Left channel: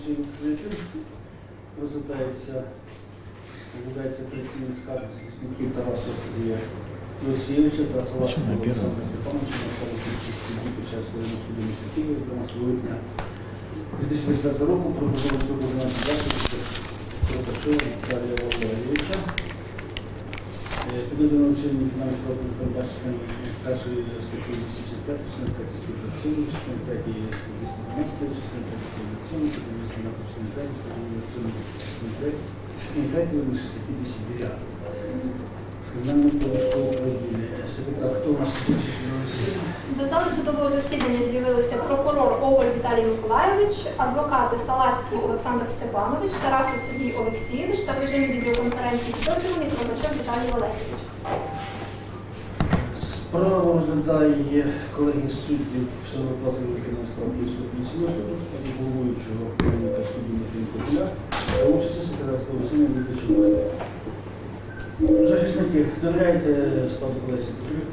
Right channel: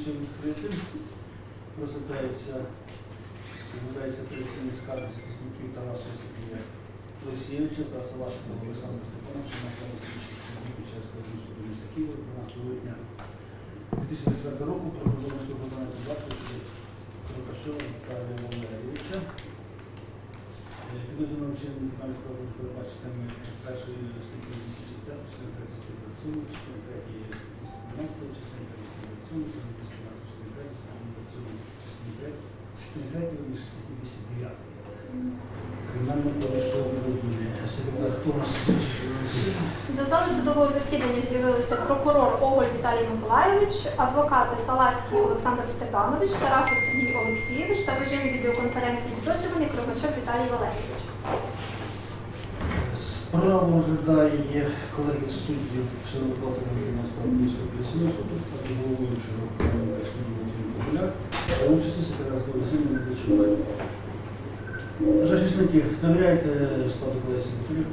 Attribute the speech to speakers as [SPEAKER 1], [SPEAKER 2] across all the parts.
[SPEAKER 1] Засідання відкритим. Розглядається, розглядається апеляційний скарг захисників Тараса Сергія Лисєвича та Салашного Олександра Степановича на право слідчих судді під час воєнного суду міста Києва 12 липня 2024 року про продовження виконання засобів Кропачова Віталія Валерійовича. Підведено вчинення фінансових правил передбачення першої статті 85, частини 3 статті 27, частини 3 статті 112, частини 3 статті 27, статті 212, частини 3 статті 27, частини 3, частини 3, вірніше статті 209. Кримінального кодексу України. Секретар, хто у нас записує судове засідання?
[SPEAKER 2] До зали судового засідання з'явилися прокурор Оголь Віталій Миколайович, адвокати Саласький Олександр Степанович, Тарасов Сергій Олексійович та в режимі відеоконференції підозрюваний Трогачов Віталій Валерійович.
[SPEAKER 1] Справу розглядає колеги суддів Великого справ Київського апеляційного суду, так головуючого керівника судді Матвія Популя, за участі секретаря судового засідання Дмитра Захисники, довіряєте складу секретарів?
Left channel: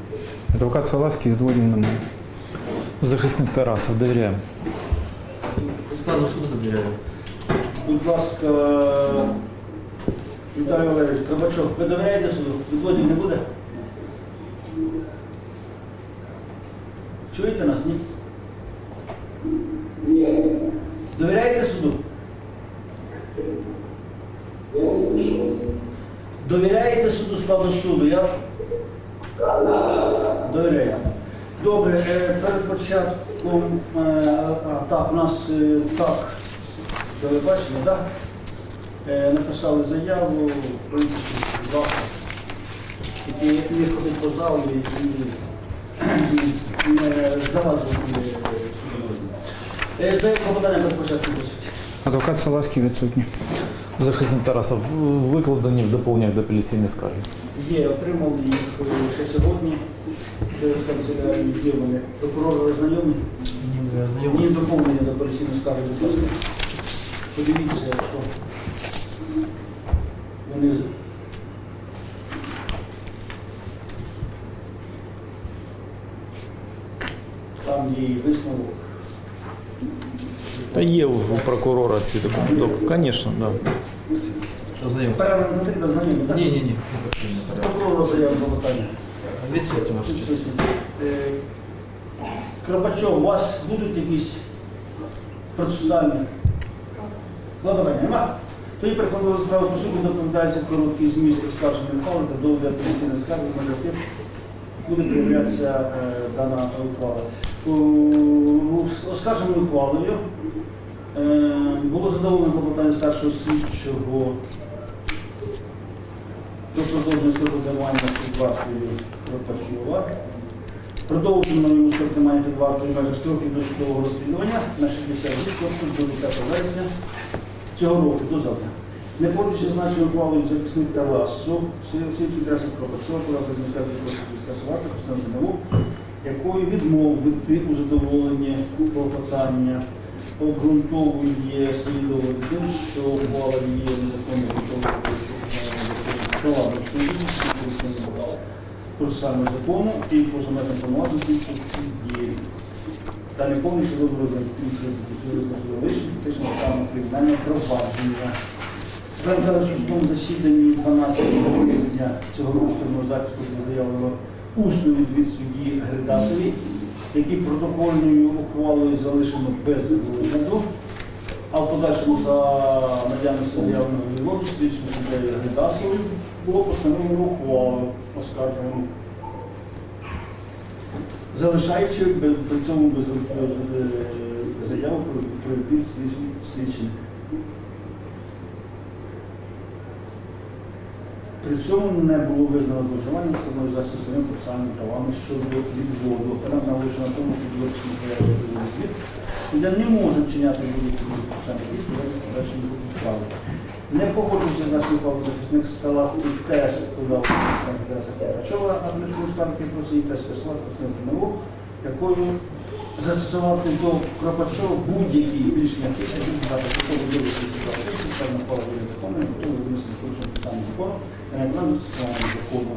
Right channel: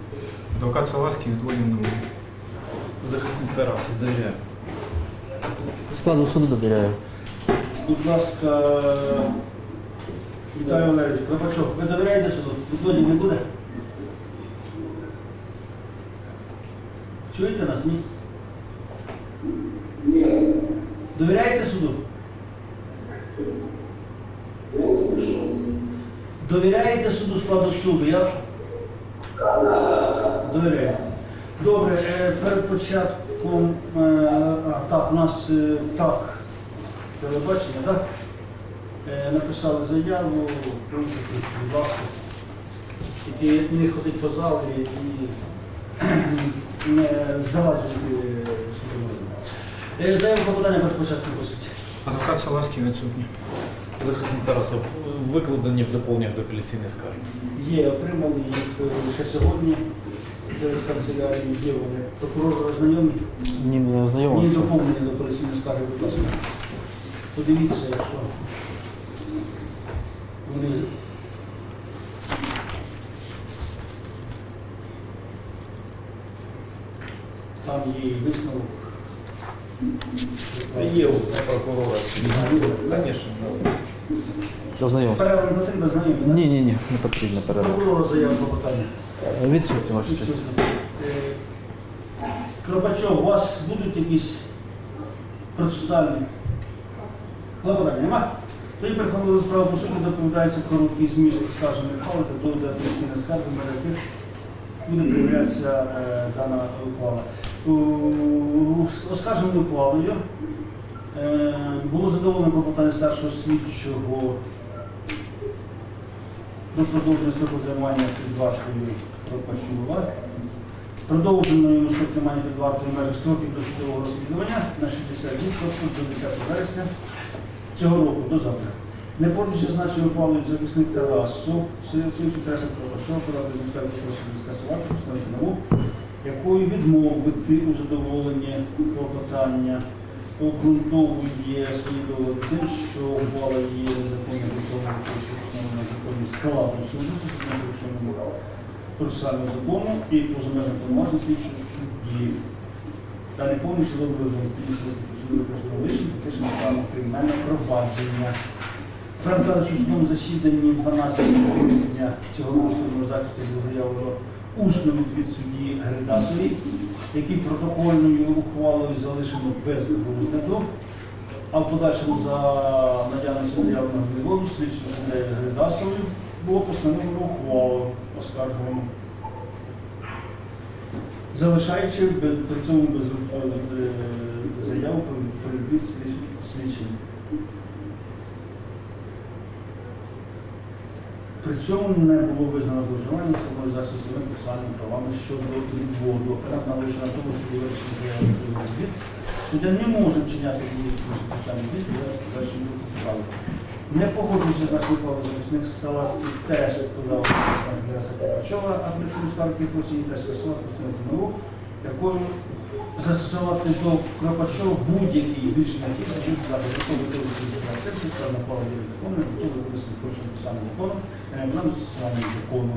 [SPEAKER 3] Адвокат Саласький немає.
[SPEAKER 4] Захисник Тарасов, довіряю. Складу суду довіряю.
[SPEAKER 1] Будь ласка, Віталій Валерійович, Пробачов, ви довіряєте суду? Відводів не буде? Чуєте нас? Ні? Довіряєте суду? Довіряєте суду складу суду? Я... Довіряю. Добре, е, перед початком, е, а, так, у нас е, так, телебачення, так? Написали заяву, будь ласка. Тільки не ходить по залу і не розгляду. Е, Заяву подання перед початком просить.
[SPEAKER 3] Адвокат Саласький відсутній.
[SPEAKER 4] Захисник Тарасов викладені в доповнення до апеляційної скарги.
[SPEAKER 1] Є, отримали їх ще сьогодні. Через канцелярію є вони. Прокурор знайомі?
[SPEAKER 4] Ні, не
[SPEAKER 1] Ні, доповнення до операційної скарги, будь ласка. Подивіться, якщо вони. Там є і висновок.
[SPEAKER 4] Та є у прокурора ці документи. Звісно, так. Ознайомився.
[SPEAKER 1] Перерва не потрібно знайомі, так?
[SPEAKER 4] Ні, ні, ні, не потрібно.
[SPEAKER 1] Прокурора заяву про питання.
[SPEAKER 4] Відсутні ваші честь.
[SPEAKER 1] Е, Кропачов, у вас будуть якісь процесуальні клопотання? Нема? Тоді переходимо до справи по суті, доповідається короткий зміст оскарженої фали та доведе апеляційна скарга, на яких буде перевірятися е, дана ухвала. Оскарженою ухвалою е, було задоволено клопотання старшого слідчого про продовження строку під вартою Кропачова. Продовжено йому строк тримання під вартою межах строків досудового розслідування на 60 днів, тобто до 10 вересня цього року, до завтра. Не погоджуючи зазначеною ухвалою захисник Тарасу, всім Кропачова, порадив міської просить скасувати, постановити нову, якою відмовити у задоволенні клопотання обґрунтовує свої доводи тим, що ухвала є незаконно готовою, законом скаладом суду, процесуального закону і поза межами повноважень слідчого судді. Та не повністю вибором вищих фактично право кримінального провадження. Кажучи, в судовому засіданні 12 грудня цього сторону захисту було заявлено усну відвід судді Гридасові, який протокольною ухвалою залишено без розгляду, а в подальшому за наявності заявленого відводу слідчим суддею Гридасовою було постановлено ухвалу оскаржувану, залишаючи при цьому без е, заяву про відвід слідчим- При цьому не було визнано зловживання стороною захисту своїми процесуальними правами щодо відводу. Оперант наголошує на тому, що до вирішення заяви про відвід суддя не може вчиняти будь-які процесуальні дії в подальшому руху справи. Не погоджуючи з нашою ухвалою захисник Саласький теж відповідав Інтереса Карпачова, апеляційну скаргу просить теж скасувати постановити нову, якою застосувати до Кропачова будь-які необхідні відбувати готові правописів, що на полі закону, готові винести слушати саме закону, на плану закону.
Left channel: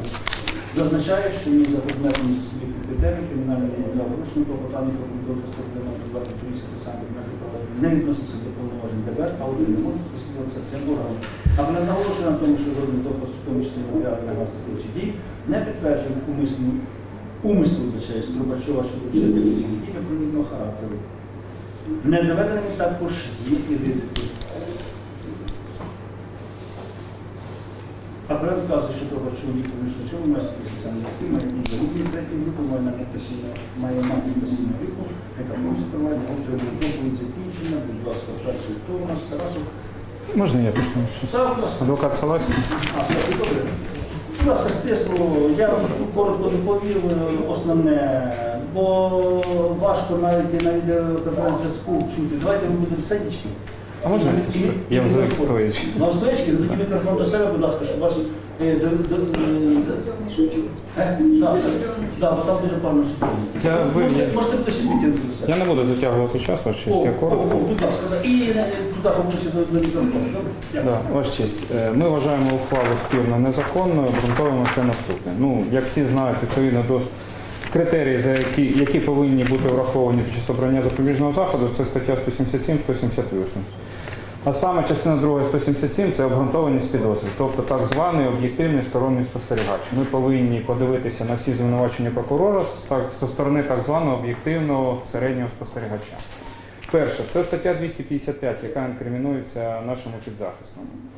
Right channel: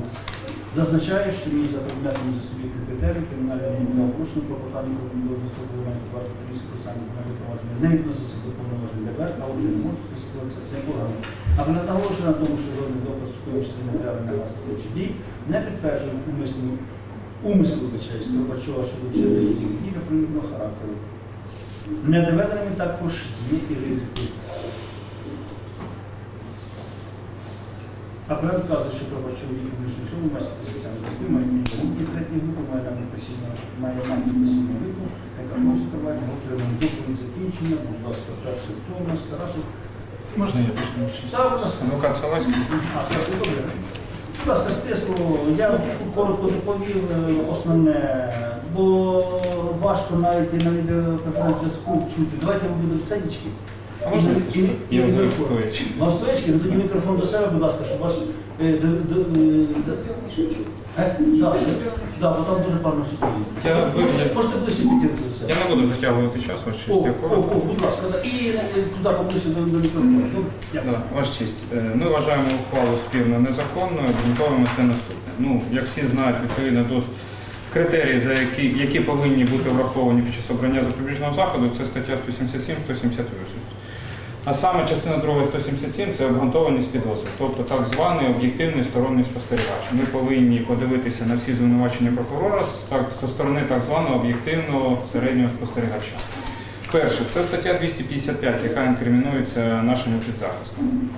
[SPEAKER 1] Зазначає, що ні за предметом за суб'єктів критерій кримінального правопорушення клопотання про продовження строку два поліції про саме предмети провадження не відноситься до повноважень ДБР, а отже не можуть висловитися цим органом. Але не наголошує на тому, що жодний доказ, в тому числі на власних слідчих дій, не підтверджує умисну умислу лише з Трубачова щодо вчинення дій дій характеру. Не доведеними також і ризики. А проект вказує, що Трубачов вік публічного чому має спеціальний захист, має інвалідність третьої групи, має намір постійного, має намір постійного віку, яка просить тривання, отримує доповідь закінчення, будь ласка, перший хто у нас Тарасов.
[SPEAKER 3] Можна я почну? Адвокат Саласький.
[SPEAKER 1] А, добре. Будь ласка, стисло, я коротко доповів е, основне, бо важко навіть на відеоконференц-зв'язку чути. Давайте сидячки.
[SPEAKER 3] А можна я звик стоячи?
[SPEAKER 1] Вам стоячки, розведіть мікрофон до себе, будь ласка, щоб вас... е, до- до- е, Е? Бо там дуже
[SPEAKER 3] Я
[SPEAKER 1] Можете-. Можете ближче підтягнути до себе.
[SPEAKER 3] Я не буду затягувати час, ваш
[SPEAKER 1] О,
[SPEAKER 3] честь. Я
[SPEAKER 1] о,
[SPEAKER 3] коротко.
[SPEAKER 1] о, будь ласка, да. і е, туди поближче до, до мікрофону. Добре? Дякую.
[SPEAKER 3] Да, ваш честь. Е, Ми вважаємо ухвалу спірно незаконною, обґрунтовуємо це наступне. Ну, як всі знають, відповідно до критерії, за які, які повинні бути враховані під час обрання запобіжного заходу, це стаття 177-178. А саме частина 2 177 це обґрунтованість підозри, тобто так званий об'єктивний сторонній спостерігач. Ми повинні подивитися на всі звинувачення прокурора так, зі сторони так званого об'єктивного середнього спостерігача. Перше, це стаття 255, яка інкримінується нашому підзахистом.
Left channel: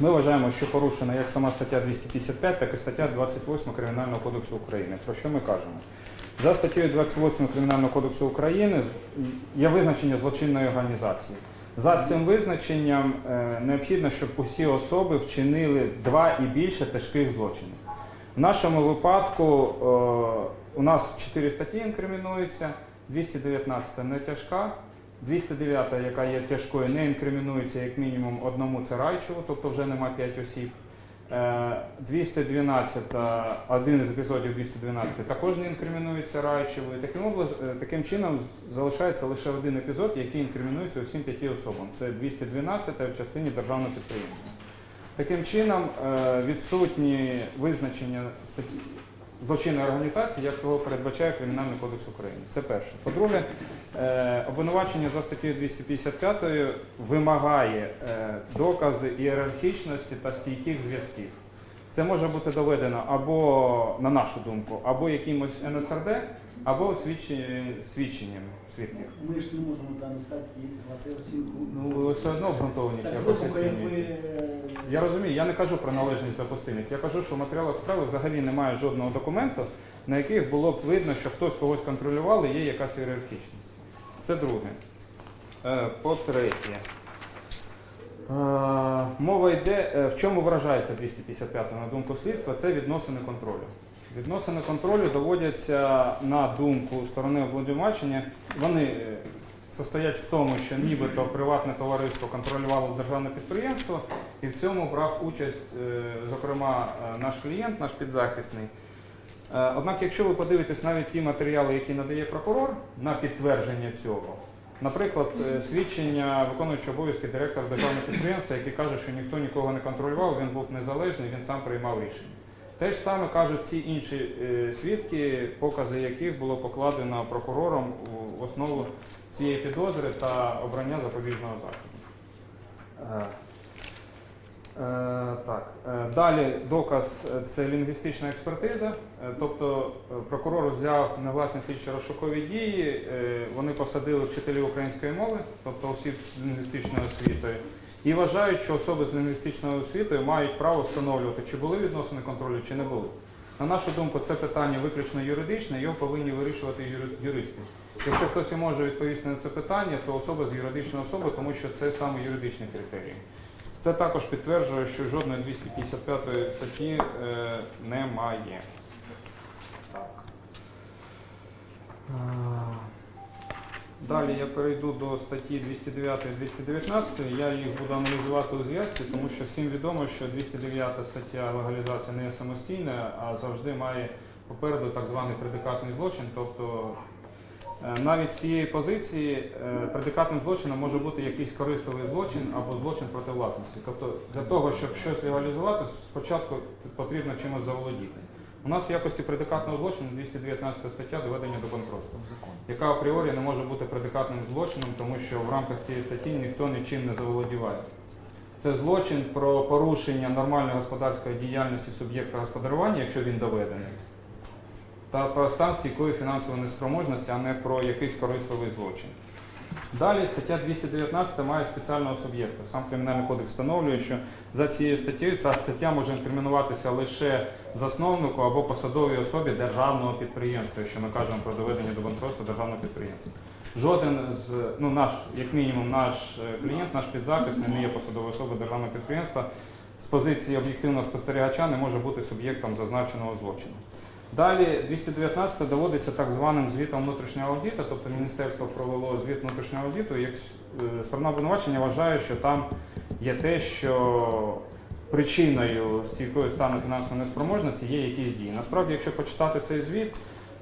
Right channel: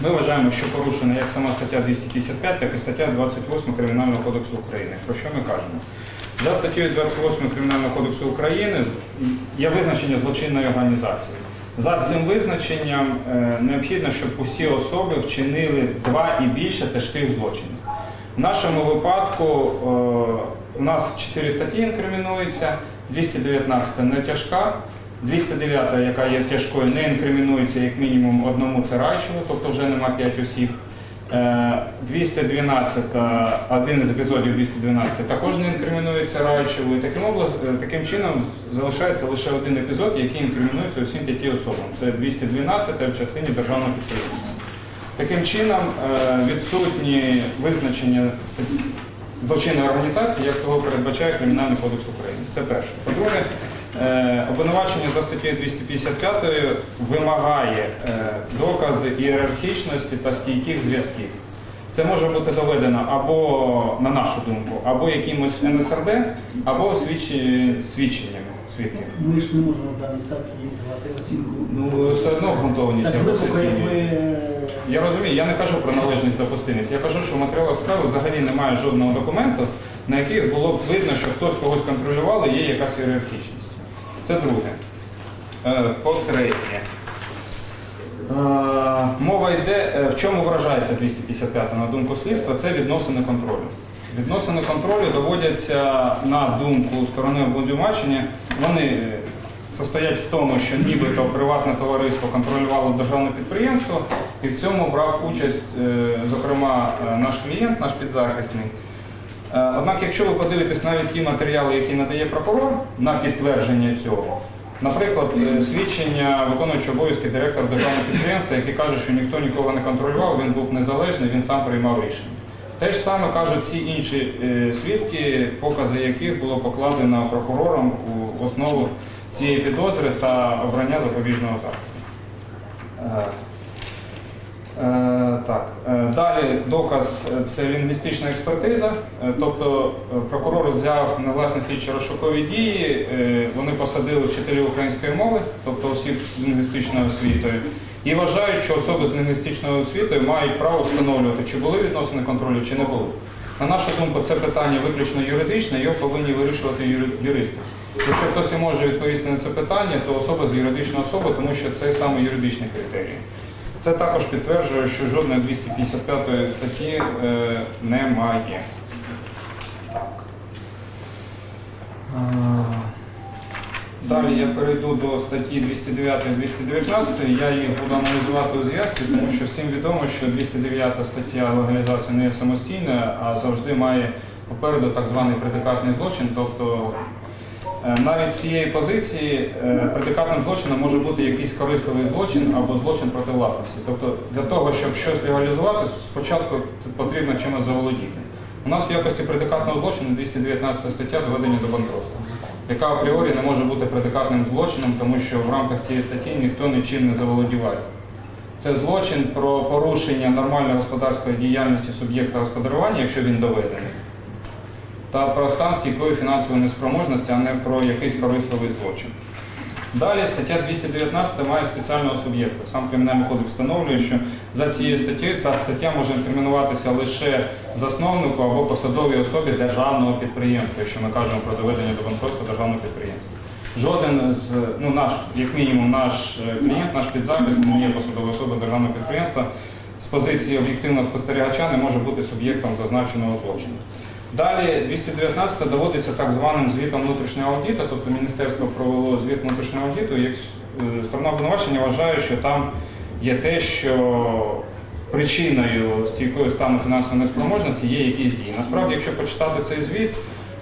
[SPEAKER 3] Ми вважаємо, що порушена як сама стаття 255, так і стаття 28 Кримінального кодексу України. Про що ми кажемо? За статтею 28 Кримінального кодексу України є визначення злочинної організації. За цим визначенням е, необхідно, щоб усі особи вчинили два і більше тяжких злочинів. В нашому випадку е, у нас чотири статті інкримінуються, 219 не тяжка, 209, яка є тяжкою, не інкримінується як мінімум одному царайчеву, тобто вже нема 5 осіб. Е, 212, один із епізодів 212 також не інкримінується Райчеву. І таким, е, таким чином залишається лише один епізод, який інкримінується усім п'яти особам. Це 212 в частині державного підприємства. Таким чином е, відсутні визначення злочинної організації, як того передбачає Кримінальний кодекс України. Це перше. По-друге, е, обвинувачення за статтею 255 вимагає е, докази ієрархічності та стійких зв'язків. Це може бути доведено або, на нашу думку, або якимось НСРД, або свідченнями свідків.
[SPEAKER 1] Ми ж не можемо в даній статті давати оцінку.
[SPEAKER 3] Ну, все одно обґрунтованість
[SPEAKER 1] Так,
[SPEAKER 3] якось оцінюють. Я розумію, я не кажу про належність допустимість. Я кажу, що в матеріалах справи взагалі немає жодного документу, на яких було б видно, що хтось когось контролював і є якась ієрархічність. Це друге. Е, По-третє. Е, Мова йде, е, в чому виражається 255 на думку слідства, це відносини контролю. Відносини контролю доводяться на думку сторони обвинувачення. Вони состоять в тому, що нібито приватне товариство контролювало державне підприємство, і в цьому брав участь, зокрема, наш клієнт, наш підзахисний. Е, Однак, якщо ви подивитесь навіть ті матеріали, які надає прокурор на підтвердження цього, наприклад, е, свідчення виконуючого обов'язки директора державного підприємства, який каже, що ніхто нікого не контролював, він був незалежний, він сам приймав рішення. Те ж саме кажуть всі інші е, свідки, покази яких було покладено прокурором у основу цієї підозри та обрання запобіжного заходу. Е, Так, Е, далі доказ е, це лінгвістична експертиза, тобто прокурор взяв на власні слідчі розшукові дії, вони посадили вчителів української мови, тобто осіб з лінгвістичною освітою, і вважають, що особи з лінгвістичною освітою мають право встановлювати, чи були відносини контролю, чи не були. На нашу думку, це питання виключно юридичне, його повинні вирішувати юристи. Якщо хтось і може відповісти на це питання, то особа з юридичної особи, тому що це саме юридичні критерії. Це також підтверджує, що жодної 255 статті е, немає. Так. Далі я перейду до статті 209 і 219. Я їх буду аналізувати у зв'язці, тому що всім відомо, що 209 стаття легалізації не є самостійна, а завжди має попереду так званий предикатний злочин, тобто Навіть з цієї позиції е, предикатним злочином може бути якийсь корисливий злочин або злочин проти власності. Тобто для того, щоб щось легалізувати, спочатку потрібно чимось заволодіти. У нас в якості предикатного злочину 219 стаття доведення до банкротства, яка апріорі не може бути предикатним злочином, тому що в рамках цієї статті ніхто нічим не заволодіває. Це злочин про порушення нормальної господарської діяльності суб'єкта господарювання, якщо він доведений, та про стан стійкої фінансової неспроможності, а не про якийсь корисливий злочин. Далі стаття 219 має спеціального суб'єкта. Сам Кримінальний кодекс встановлює, що за цією статтею ця стаття може інкримінуватися лише засновнику або посадовій особі державного підприємства, якщо ми кажемо про доведення до банкротства державного підприємства. Жоден з ну наш, як мінімум, наш е, клієнт, наш підзахист не є посадовою особою державного підприємства. З позиції об'єктивного спостерігача не може бути суб'єктом зазначеного злочину. Далі 219 доводиться так званим звітом внутрішнього аудиту, тобто міністерство провело звіт внутрішнього аудиту, як е, сторона обвинувачення вважає, що там є те, що причиною стійкої стану фінансової неспроможності є якісь дії. Насправді, якщо почитати цей звіт,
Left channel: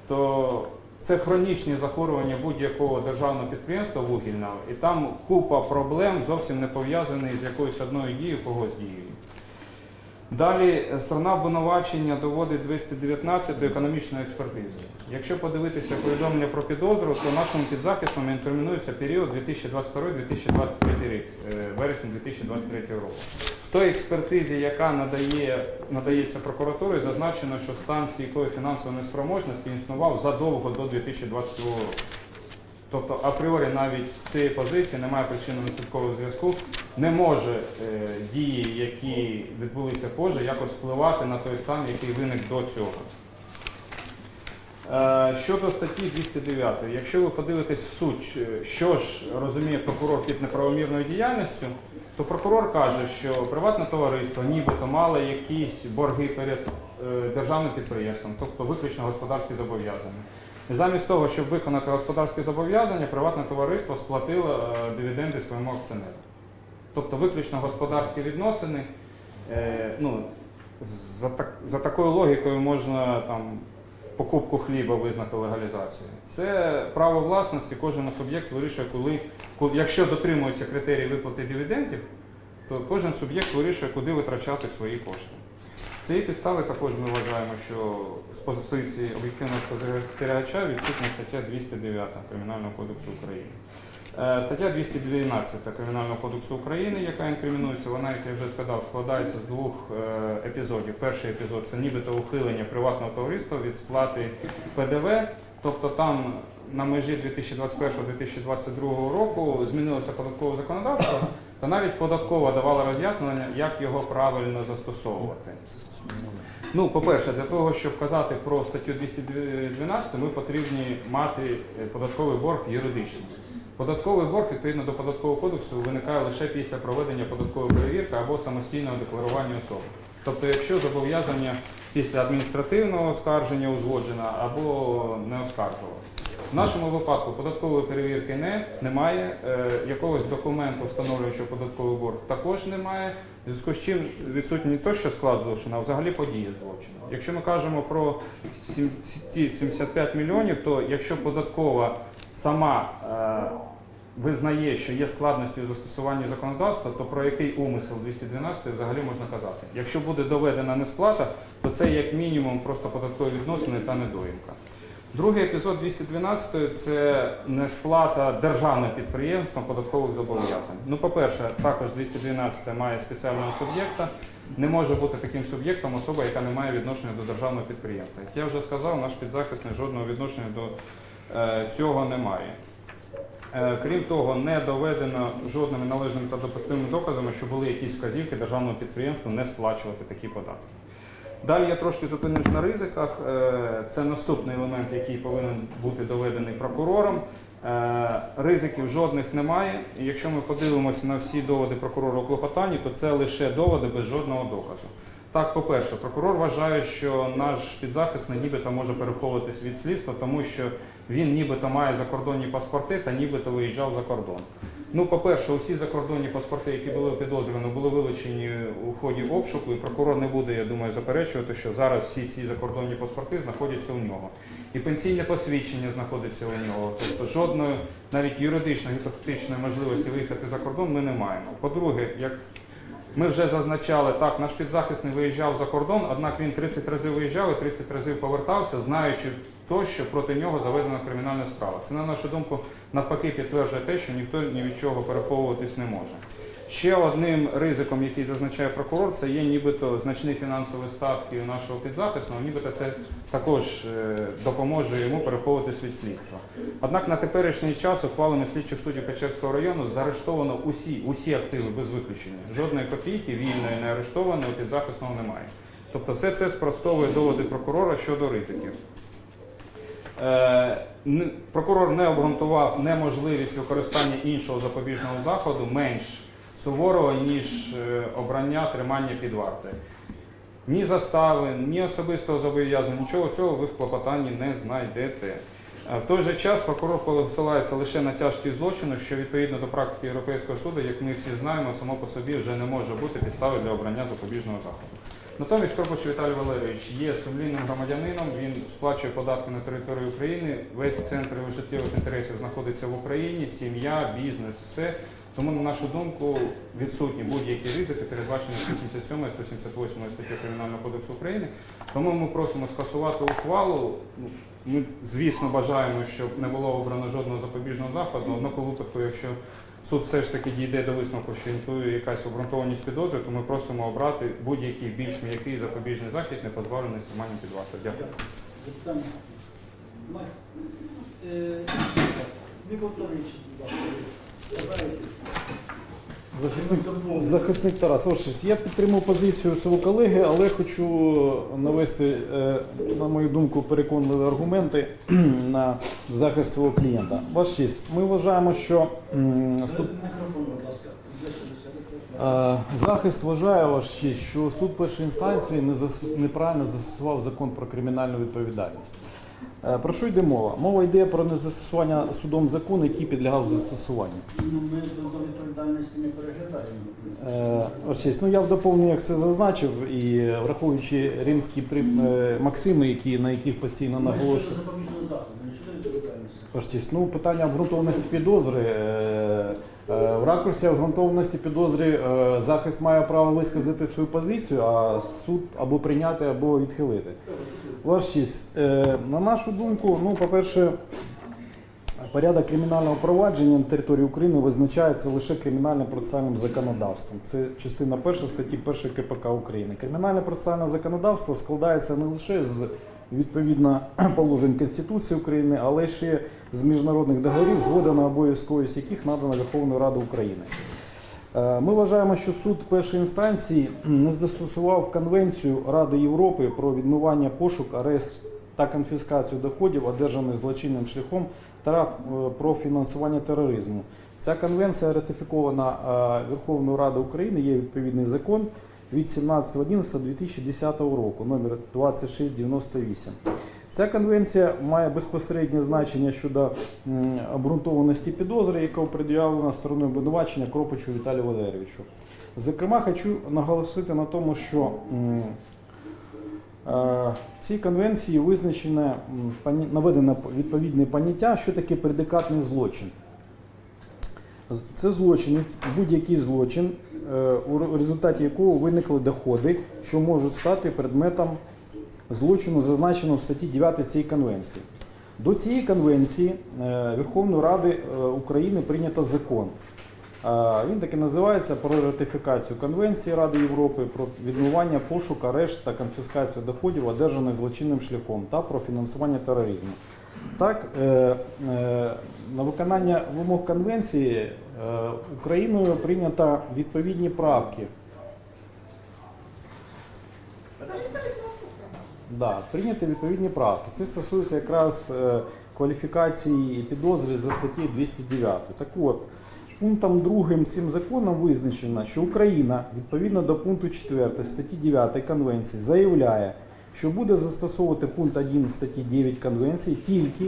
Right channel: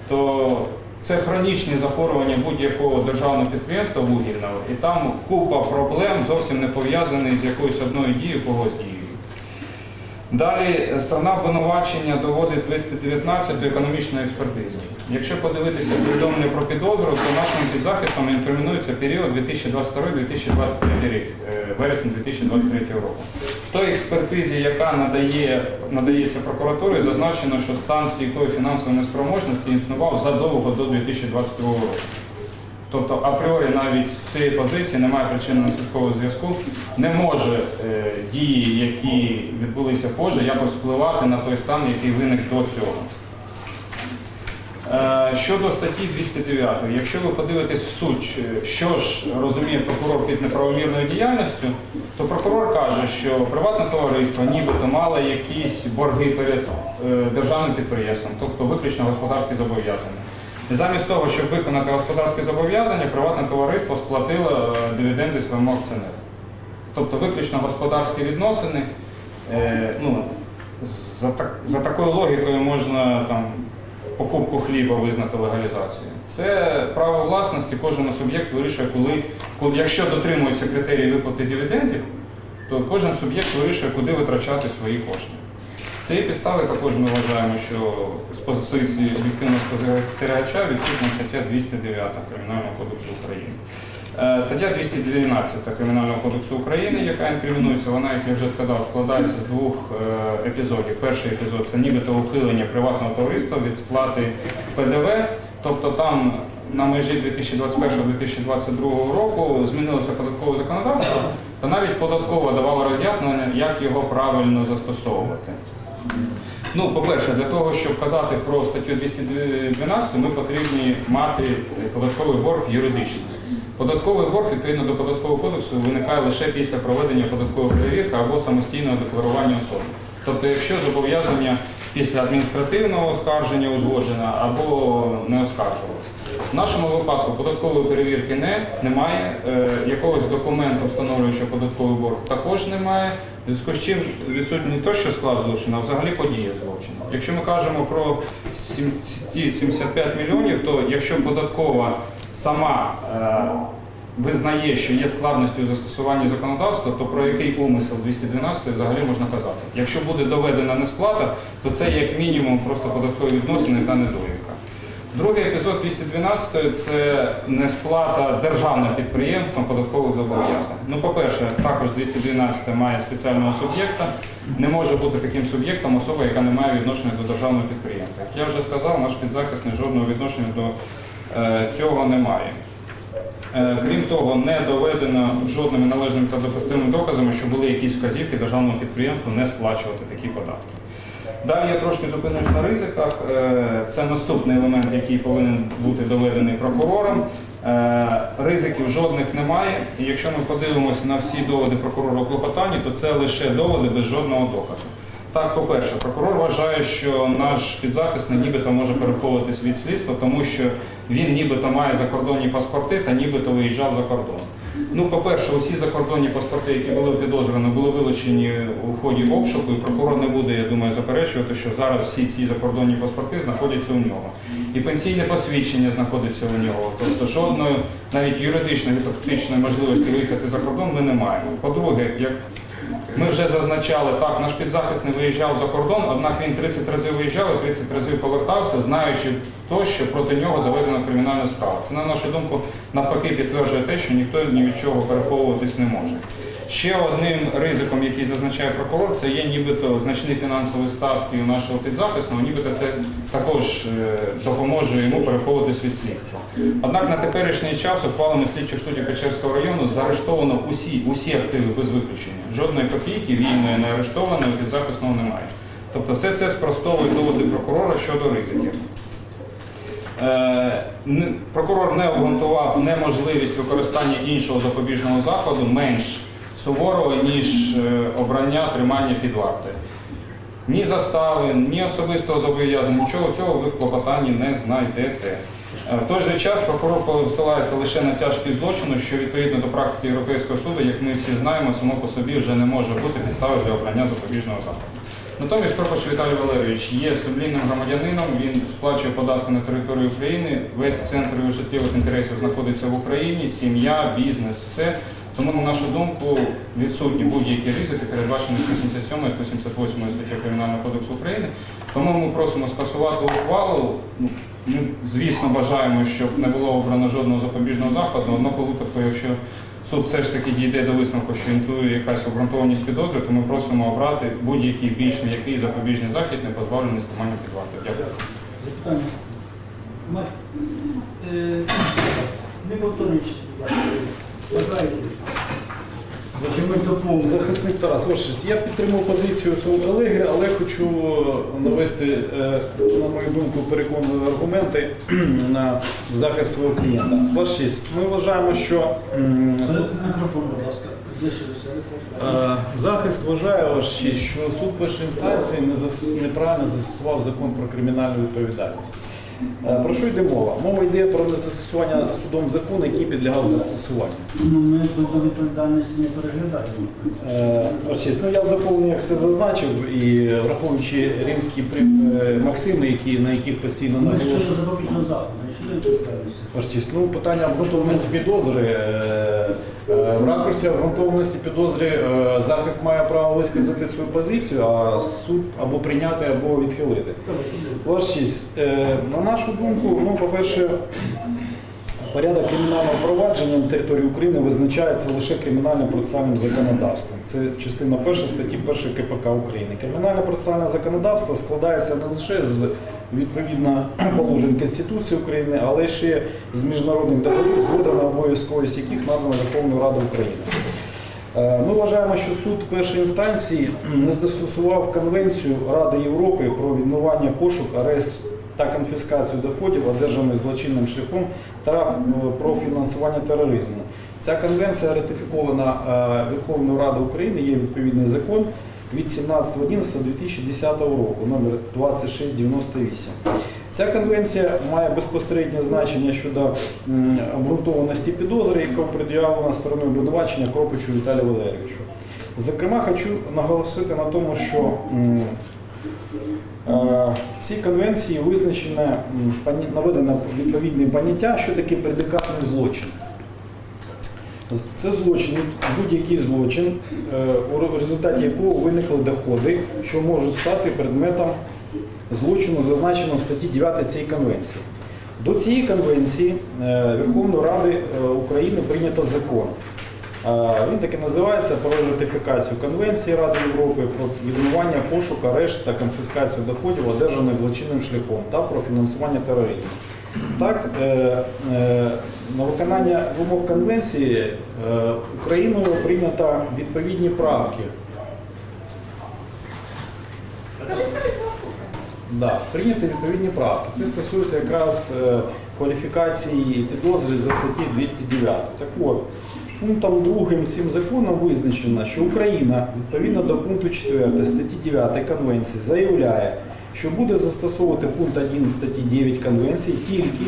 [SPEAKER 3] то це хронічні захворювання будь-якого державного підприємства вугільного, і там купа проблем зовсім не пов'язаних з якоюсь одною дією когось дією. Далі е, сторона обвинувачення доводить 219 до економічної експертизи. Якщо подивитися повідомлення про підозру, то нашим підзахистом інкримінується період 2022-2023 рік, е, вересень 2023 року. В той експертизі, яка надає, надається прокуратурі, зазначено, що стан стійкої фінансової неспроможності існував задовго до 2022 року. Тобто апріорі навіть з цієї позиції немає причинно-наслідкового зв'язку, не може е, дії, які відбулися позже, якось впливати на той стан, який виник до цього. Е, щодо статті 209, якщо ви подивитесь в суть, що ж розуміє прокурор під неправомірною діяльністю, то прокурор каже, що приватне товариство нібито мало якісь борги перед е, державним підприємством, тобто виключно господарські зобов'язання. Замість того, щоб виконати господарські зобов'язання, приватне товариство сплатило е, дивіденди своєму акціонеру. Тобто виключно господарські відносини. Е, ну, за, так, за такою логікою можна там, покупку хліба визнати легалізацією. Це право власності, кожен суб'єкт вирішує, коли, коли, якщо дотримуються критерії виплати дивідендів, то кожен суб'єкт вирішує, куди витрачати свої кошти. Цієї підстави також ми вважаємо, що з позиції об'єктивного спостерігача відсутня стаття 209 Кримінального кодексу України. Е, Стаття 212 Кримінального кодексу України, яка інкримінується, вона, як я вже сказав, складається з двох е, епізодів. Перший епізод це нібито ухилення приватного товариства від сплати ПДВ, тобто там на межі 2021-2022 року змінилося податкове законодавство, та навіть податково давало роз'яснення, як його правильно застосовувати. Ну, по-перше, для того, щоб казати про статтю 212, ми потрібні мати податковий борг юридичний. Податковий борг відповідно до податкового кодексу виникає лише після проведення податкової перевірки або самостійного декларування особи. Тобто, якщо зобов'язання після адміністративного оскарження узгоджено або не оскаржувалося. В нашому випадку податкової перевірки не, немає, е, якогось документу, встановлюючого податковий борг, також немає. Зв'язку з чим відсутній не то, що склад злочину, а взагалі подія злочину. Якщо ми кажемо про сім- ці 75 мільйонів, то якщо податкова сама е, визнає, що є складністю у застосуванні законодавства, то про який умисел 212 взагалі можна казати. Якщо буде доведена несплата, то це як мінімум просто податкові відносини та недоїмка. Другий епізод 212 це несплата державним підприємством податкових зобов'язань. Ну, по-перше, також 212 має спеціального суб'єкта. Не може бути таким суб'єктом особа, яка не має відношення до державного підприємства. Як я вже сказав, наш підзахисний жодного відношення до е, цього не має. Е, Крім того, не доведено жодними належними та допустимими доказами, що були якісь вказівки державному підприємству не сплачувати такі податки. Далі я трошки зупинюсь на ризиках. Е, Це наступний елемент, який повинен бути доведений прокурором. Е, Ризиків жодних немає. І якщо ми подивимося на всі доводи прокурора у клопотанні, то це лише доводи без жодного доказу. Так, по-перше, прокурор вважає, що наш підзахисний нібито може переховуватись від слідства, тому що він нібито має закордонні паспорти та нібито виїжджав за кордон. Ну, по-перше, усі закордонні паспорти, які були підозрювані, були вилучені у ході обшуку, і прокурор не буде, я думаю, заперечувати, що зараз всі ці закордонні паспорти знаходяться у нього. І пенсійне посвідчення знаходиться у нього. Тобто жодної навіть юридичної та фактичної можливості виїхати за кордон ми не маємо. По-друге, як ми вже зазначали, так, наш підзахисний виїжджав за кордон, однак він 30 разів виїжджав і 30 разів повертався, знаючи то, що проти нього заведена кримінальна справа. Це, на нашу думку, навпаки підтверджує те, що ніхто ні від чого переховуватись не може. Ще одним ризиком, який зазначає прокурор, це є нібито значні фінансові статки у нашого підзахисного, нібито це також е, допоможе йому переховуватись від слідства. Однак на теперішній час ухвалами слідчих суддів Печерського району заарештовано усі, усі активи без виключення. Жодної копійки вільної не арештованої підзахисного немає. Тобто все це спростовує доводи прокурора щодо ризиків. Е, Прокурор не обґрунтував неможливість використання іншого запобіжного заходу менш суворого, ніж е, обрання тримання під вартою. Ні застави, ні особистого зобов'язання, нічого цього ви в клопотанні не знайдете. Е, В той же час прокурор посилається лише на тяжкість злочину, що відповідно до практики Європейського суду, як ми всі знаємо, само по собі вже не може бути підстави для обрання запобіжного заходу. Натомість Корпач Віталій Валерійович є сумлінним громадянином, він сплачує податки на територію України, весь центр його життєвих інтересів знаходиться в Україні, сім'я, бізнес, все. Тому, на нашу думку, відсутні будь-які ризики, передбачені 177 і 178 статті Кримінального кодексу України. Тому ми просимо скасувати ухвалу. Ну, Ми, звісно, бажаємо, щоб не було обрано жодного запобіжного заходу. Однак у випадку, якщо суд все ж таки дійде до висновку, що інтує якась обґрунтованість підозри, то ми просимо обрати будь-який більш м'який запобіжний захід, не позбавлений стримання під вартою. Дякую.
[SPEAKER 1] Запитання? Е, Не повторюючи, будь ласка? Ми?
[SPEAKER 4] Захисник Тарас, ось я підтримав позицію свого колеги, але хочу навести, е, на мою думку, переконливі аргументи на захист свого клієнта. Ваш честь, ми вважаємо, що
[SPEAKER 1] Е, Мікрофон, будь ласка.
[SPEAKER 4] Е, Захист вважає ваш честь, що суд першої інстанції не неправильно застосував закон про кримінальну відповідальність. Е, Про що йде мова? Мова йде про незастосування судом закону, який підлягав застосуванню.
[SPEAKER 1] Ну, ми до відповідальності не переглядаємо.
[SPEAKER 4] Е, ну я в доповненнях це зазначив і враховуючи римські е, максими, які, на яких постійно
[SPEAKER 1] Ми щодо
[SPEAKER 4] наголошую.
[SPEAKER 1] запобіжного заходу,
[SPEAKER 4] честь, ну питання обґрунтованості підозри. е, е, В ракурсі обґрунтованості підозри е, захист має право висказати свою позицію, а суд або прийняти, або відхилити. Ваш честь, е, на нашу думку, ну, по-перше, порядок кримінального провадження на території України визначається лише кримінальним процесуальним законодавством. Це частина перша статті 1 КПК України. Кримінальне процесуальне законодавство складається не лише з відповідно положень Конституції України, але ще з міжнародних договорів, згода на обов'язковість яких надана Верховною Радою України. Е, Ми вважаємо, що суд першої інстанції не застосував Конвенцію Ради Європи про відмивання пошук, арест та конфіскацію доходів, одержаних злочинним шляхом та е, про фінансування тероризму. Ця конвенція ратифікована е, Верховною Радою України, є відповідний закон від 17.11.2010 року, номер 2698. Ця конвенція має безпосереднє значення щодо обґрунтованості підозри, яка пред'явлена стороною обвинувачення Кропичу Віталію Валерійовичу. Зокрема, хочу наголосити на тому, що в цій конвенції визначене наведено відповідне поняття, що таке предикатний злочин. Це злочин, будь-який злочин, е, у результаті якого виникли доходи, що можуть стати предметом злочину, зазначеного в статті 9 цієї конвенції. До цієї конвенції е, Верховної Ради е, України прийнято закон. Він таки називається про ратифікацію Конвенції Ради Європи про відмивання, пошук, арешт та конфіскацію доходів, одержаних злочинним шляхом та про фінансування тероризму. Так, е, е, на виконання вимог конвенції е, Україною прийнято відповідні правки. Да, прийняті відповідні правки. Це стосується якраз е, кваліфікації підозри за статтею 209. Так от, пунктом другим цим законом визначено, що Україна відповідно до пункту 4 статті 9 Конвенції заявляє, що буде застосовувати пункт 1 статті 9 Конвенції тільки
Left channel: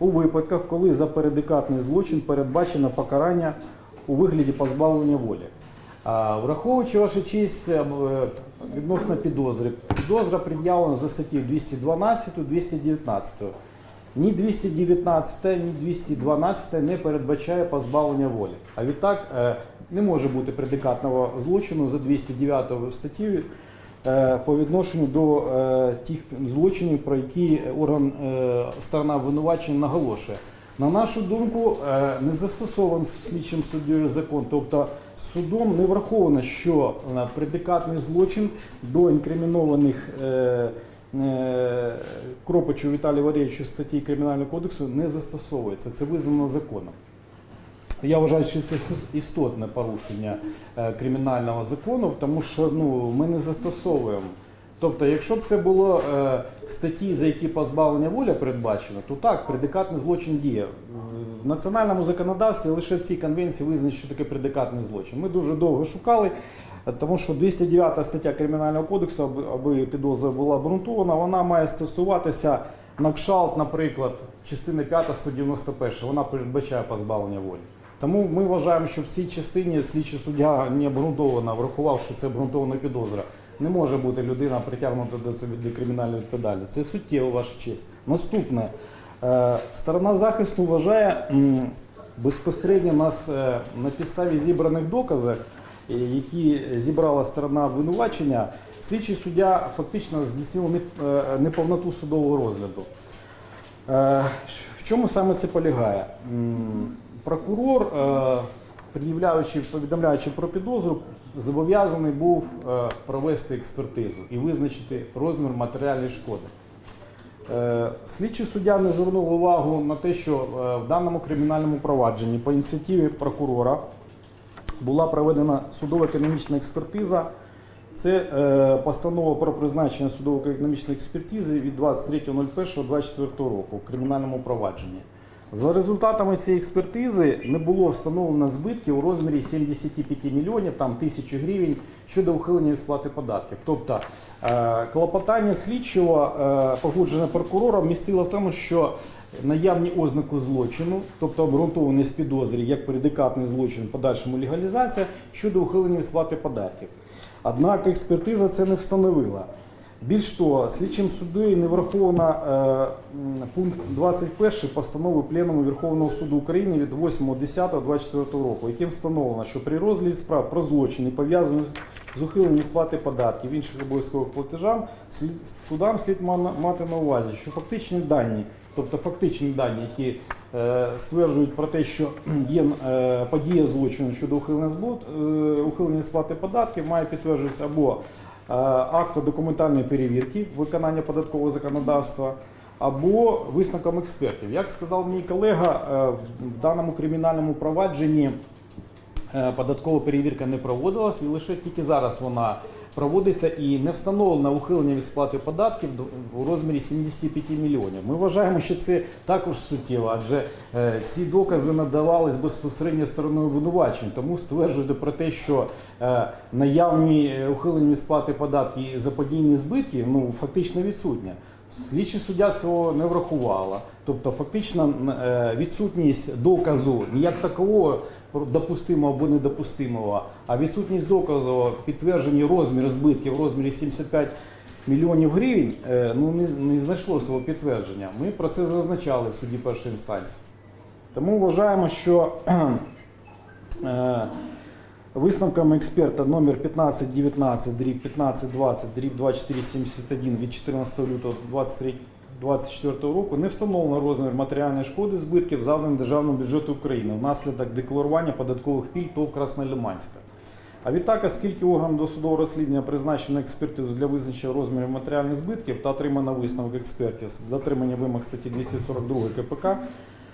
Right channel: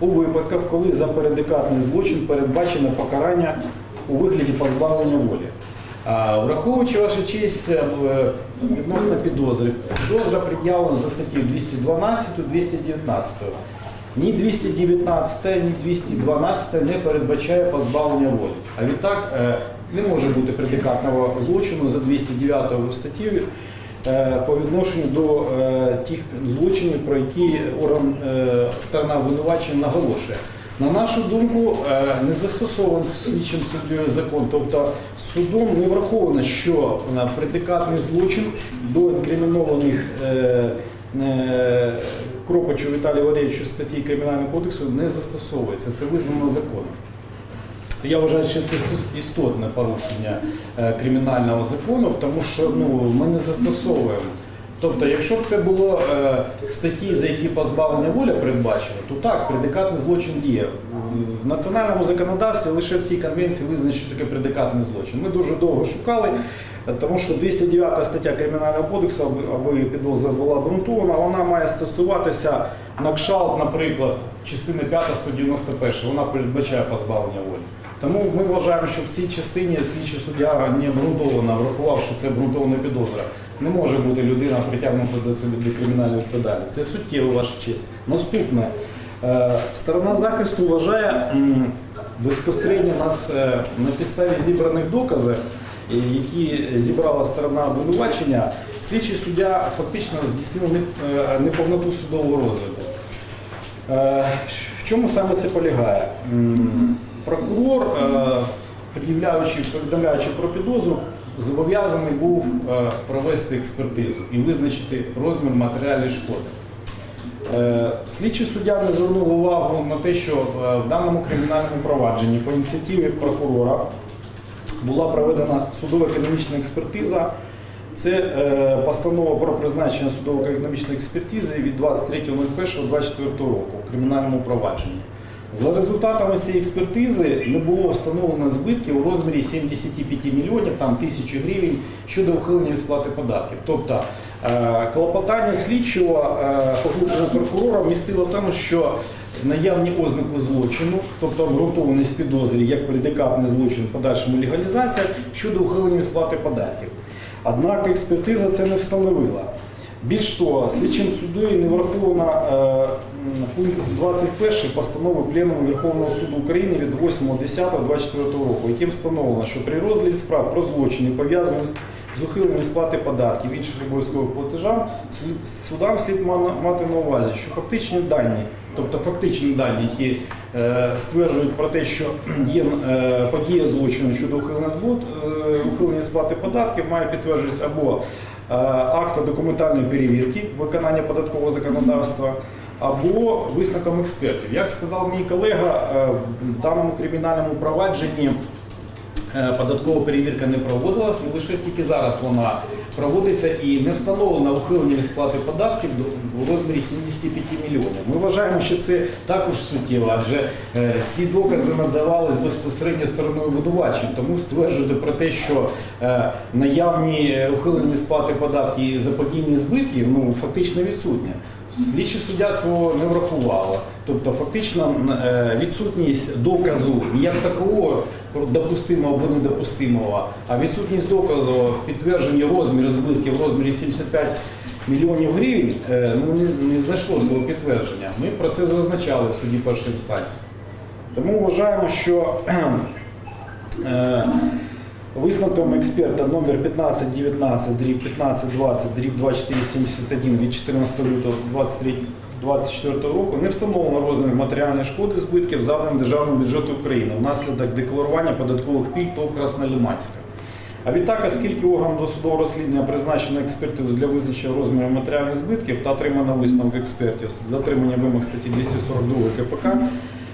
[SPEAKER 4] у випадках, коли за передикатний злочин передбачено покарання у вигляді позбавлення волі. Враховуючи ваша честь е, відносно підозри, підозра пред'явлена за статтею 212, 219. Ні 219, ні 212 не передбачає позбавлення волі. А відтак е, не може бути предикатного злочину за 209 статтею е, по відношенню до е, тих злочинів, про які орган е, сторона обвинувачення наголошує. На нашу думку, е, не застосований слідчим суддєю закон, тобто судом не враховано, що е, предикатний злочин до інкримінованих е, Кропачу Віталія Валерійовича статті Кримінального кодексу не застосовується. Це визнано законом. Я вважаю, що це істотне порушення кримінального закону, тому що ну, ми не застосовуємо. Тобто, якщо б це було е, статті, за які позбавлення волі передбачено, то так, предикатний злочин діє. В національному законодавстві лише в цій конвенції визначено, що таке предикатний злочин. Ми дуже довго шукали, тому що 209 стаття Кримінального кодексу, аби підозра була обґрунтована, вона має стосуватися на кшалт, наприклад, частини 5 191, вона передбачає позбавлення волі. Тому ми вважаємо, що в цій частині слідчий суддя не обґрунтовано врахував, що це обґрунтована підозра. Не може бути людина притягнута до собі до кримінальної відповідальності. Це суттєво ваша честь. Наступне. Е, Сторона захисту вважає безпосередньо нас е, на підставі зібраних доказів, е, які зібрала сторона обвинувачення, слідчий суддя фактично здійснив неповноту судового. Е, В чому саме це полягає? Прокурор, е, пред'являючи, повідомляючи про підозру, зобов'язаний був е, провести експертизу і визначити розмір матеріальної шкоди. Е, Слідчий суддя не звернув увагу на те, що в даному кримінальному провадженні по ініціативі прокурора була проведена судово-економічна експертиза. Це постанова про призначення судово-економічної експертизи від 23.01.24 року в кримінальному провадженні. За результатами цієї експертизи не було встановлено збитків у розмірі 75 мільйонів там, тисячі гривень щодо ухилення від сплати податків. Тобто е, клопотання слідчого е, погоджене прокурором містило в тому, що наявні ознаки злочину, тобто обґрунтованість підозрі як предикатний злочин подальшому легалізація щодо ухилення від сплати податків. Однак експертиза це не встановила. Більш того, слідчим суддею не враховано е, пункт 21 постанови Пленуму Верховного суду України від 8.10.24 року, яким встановлено, що при розгляді справ про злочини, пов'язані з ухиленням сплати податків інших обов'язкових платежам, судам слід мати на увазі, що фактичні дані, тобто фактичні дані, які е, стверджують про те, що є е, подія злочину щодо ухилення сплати податків, має підтверджуватися або е, акту документальної перевірки виконання податкового законодавства або висновком експертів. Як сказав мій колега, е, в даному кримінальному провадженні е, податкова перевірка не проводилась, і лише тільки зараз вона проводиться і не встановлено ухилення від сплати податків у розмірі 75 мільйонів. Ми вважаємо, що це також суттєво, адже е, ці докази надавались безпосередньо стороною обвинувачень. Тому стверджувати про те, що е, наявні е, ухилення від сплати податків і заподійні збитки ну, фактично відсутні. Слідчий суддя свого не врахувала. Тобто фактично е, відсутність доказу як такого допустимого або недопустимого, а відсутність доказу підтвердження розміру збитків в розмірі 75 мільйонів гривень е, ну, не, не знайшло свого підтвердження. Ми про це зазначали в суді першої інстанції. Тому вважаємо, що е, Висновком експерта номер 1519 дріб 1520 дріб 2471 від 14 лютого 23 24 року не встановлено розмір матеріальної шкоди збитків завданим державним бюджету України внаслідок декларування податкових пільг ТОВ Краснолиманська. А відтак, оскільки органом досудового розслідування призначено експертизу для визначення розміру матеріальних збитків та отримано висновок експертів з дотриманням вимог статті 242 КПК,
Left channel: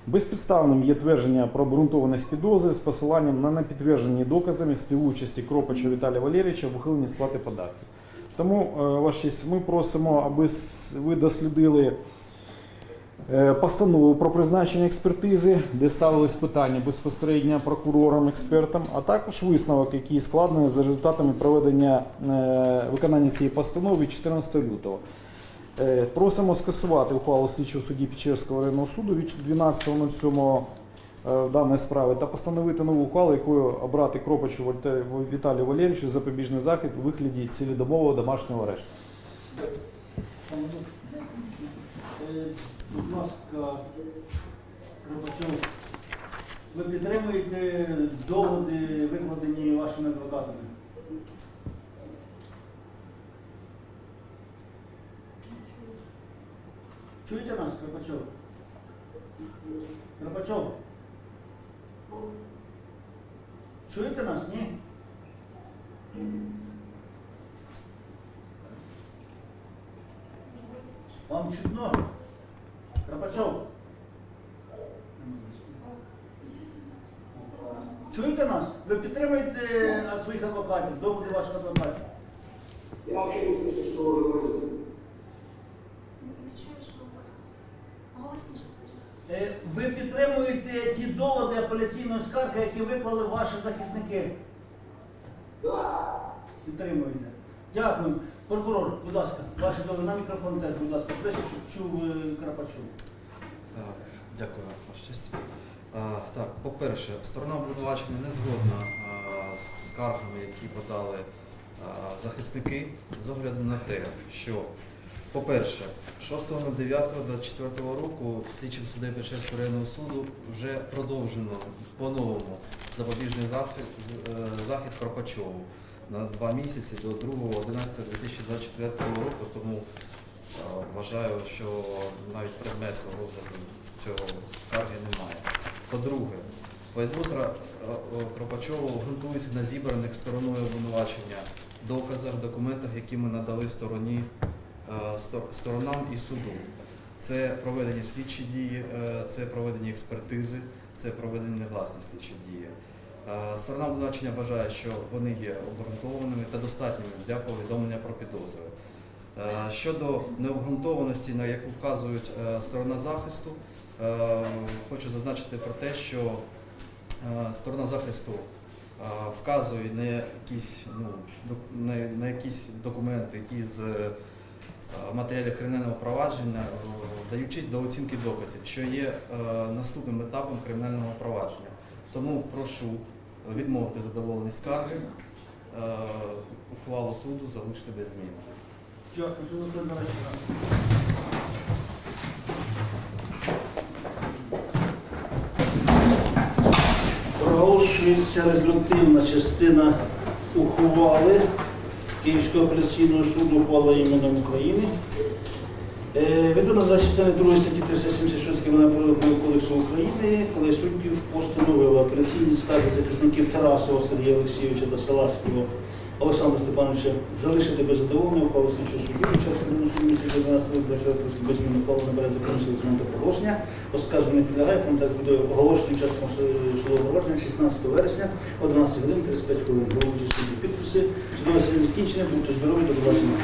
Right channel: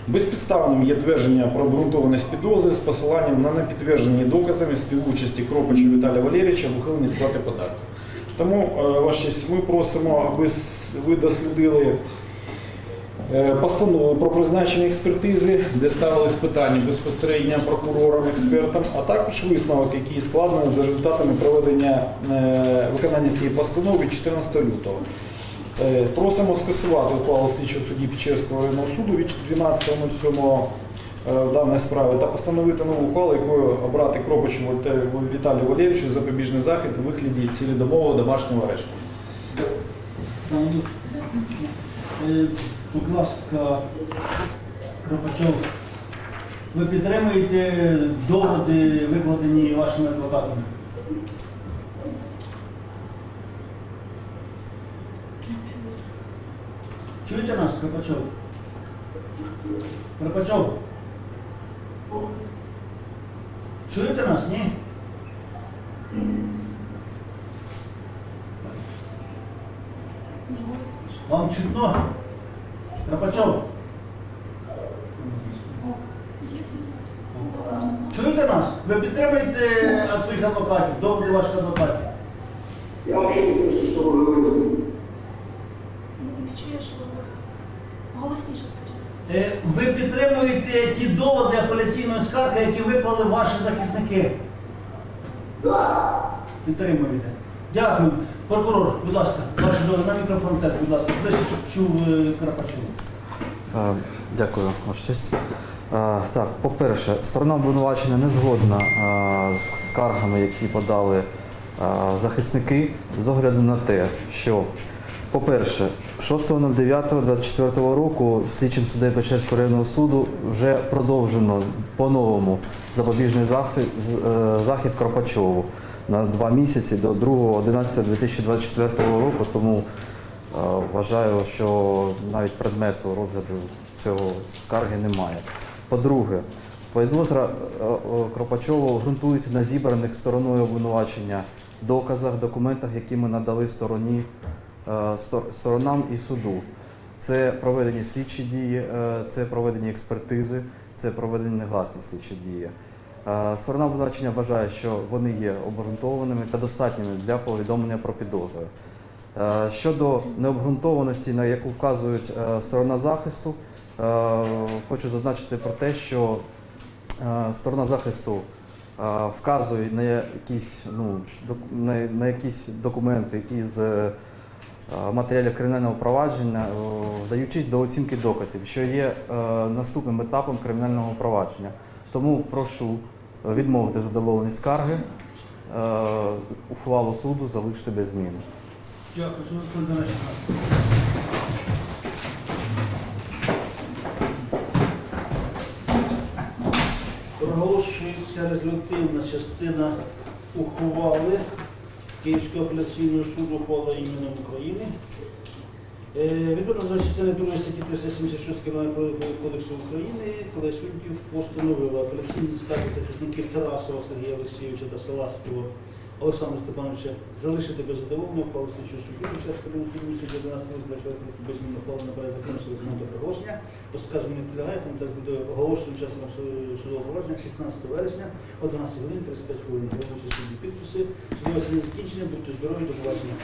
[SPEAKER 4] Безпідставним є твердження про обґрунтованість підозри з посиланням на непідтверджені доказами співучасті Кропача Віталія Валерійовича в ухиленні сплати податків. Тому, е, Ваша честь, ми просимо, аби ви дослідили Е, Постанову про призначення експертизи, де ставились питання безпосередньо прокурорам, експертам, а також висновок, який складений за результатами проведення е, виконання цієї постанови 14 лютого. Е, Просимо скасувати ухвалу слідчого судді Печерського районного суду від 12.07 е, в даній справі та постановити нову ухвалу, якою обрати Кропичу Віталію Валерійовичу запобіжний захід у вигляді цілодомового домашнього арешту.
[SPEAKER 1] Е, Будь ласка, Кропачов, ви підтримуєте доводи, викладені вашими адвокатами? Чуєте нас, Кропачов? Кропачов? Чуєте нас, ні? Вам чутно? Кропачов? Чуєте нас? Ви підтримуєте від своїх адвокатів, доводи ваших адвокатів?
[SPEAKER 5] Я вообще не слышу, что вы говорите.
[SPEAKER 2] Чуєш? Голосніше скажи.
[SPEAKER 1] Е, Ви підтримуєте ті доводи апеляційної скарги, які виклали ваші захисники? Підтримуєте. Дякую. Прокурор, будь ласка, ваші доводи на мікрофон теж, будь ласка, ближче, щоб чув е,
[SPEAKER 6] Е, Дякую, Ваша честь. Так, по-перше, сторона обвинувачення не згодна з скаргами, які подали захисники, з огляду на те, що, по-перше, 6.09.24 року слідчим суддею Печерського районного суду вже продовжено по-новому запобіжний захід, е, захід Кропачову на два місяці до 2.11.2024 року, тому Е, Вважаю, що навіть предмету розгляду цього скарги немає. По-друге, підозра е, е, Кропачову ґрунтується на зібраних стороною обвинувачення доказах, документах, які ми надали стороні, стор- сторонам і суду. Це проведені слідчі дії, е, це проведені експертизи, це проведені негласні слідчі дії. Е, Сторона обвинувачення вважає, що вони є обґрунтованими та достатніми для повідомлення про підозри. Е, Щодо необґрунтованості, на яку вказують е, сторона захисту, е, хочу зазначити про те, що е, сторона захисту е, вказує на якісь, ну, на, якісь документи із е, матеріалів кримінального провадження, е, вдаючись до оцінки доказів, що є е, наступним етапом кримінального провадження. Тому прошу відмовити задоволені скарги, е, ухвалу суду залишити без зміни.
[SPEAKER 1] Дякую. Проголошується резолютивна частина ухвали Київського апеляційного суду ухвала іменем України. Відповідно за частини 2 статті 376 Кримінального кодексу України, коли суддів постановили апеляційні скарги захисників Тарасова Сергія Олексійовича та Саласького Олександра Степановича залишити без задоволення ухвалу слідчого судді часу суду місяця 12 року без змін ухвалу набере закону сили з моменту проголошення. Оскарження не підлягає, комітет буде оголошеним часом судового провадження 16 вересня о 12 годин 35 хвилин. Головуючи судді підписи. Судове засідання закінчене, будьте здорові, до побачення.